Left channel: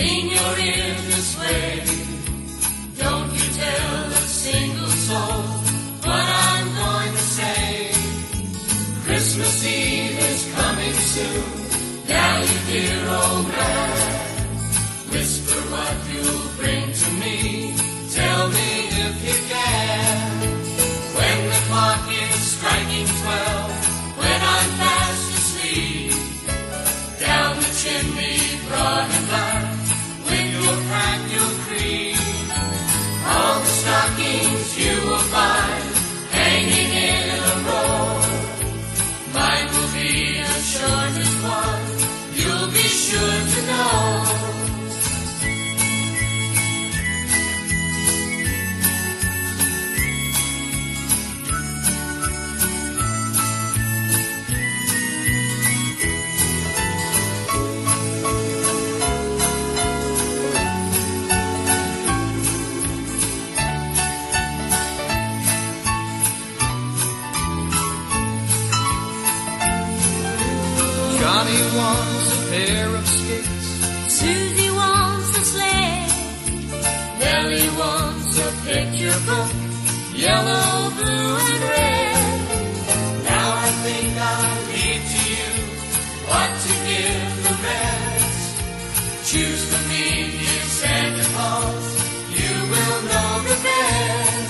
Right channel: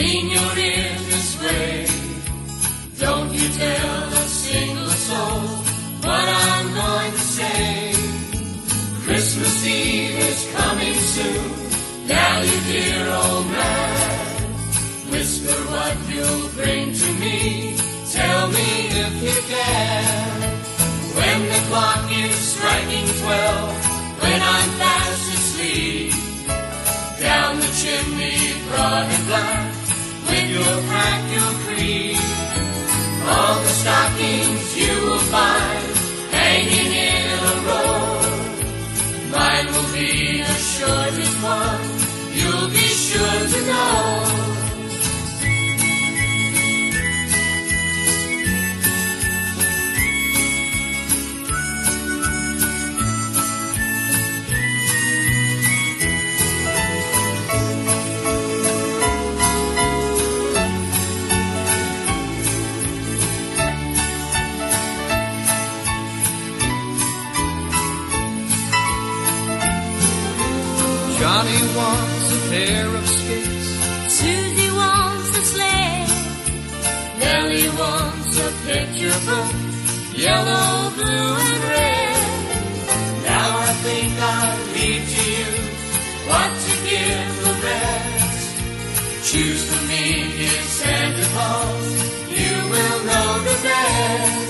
lean your ear this way. Don't you tell a single soul what I'm going to say. Christmas Eve is coming soon. Now you dear old man, whisper what you'll bring to me. Tell me if you can. When the clock is striking 12, when I'm fast asleep, down the chimney broad and black, with your pack you'll creep. All the stockings you will find hanging in a row. Mine will be the shortest one, you'll be sure to know. Johnny wants a pair of skates. Susie wants a sleigh. Nellie wants a picture book, yellow, blue, and red. Now I think I'll leave to you what to give the rest. Choose for me, dear Santa Claus, you will know the best.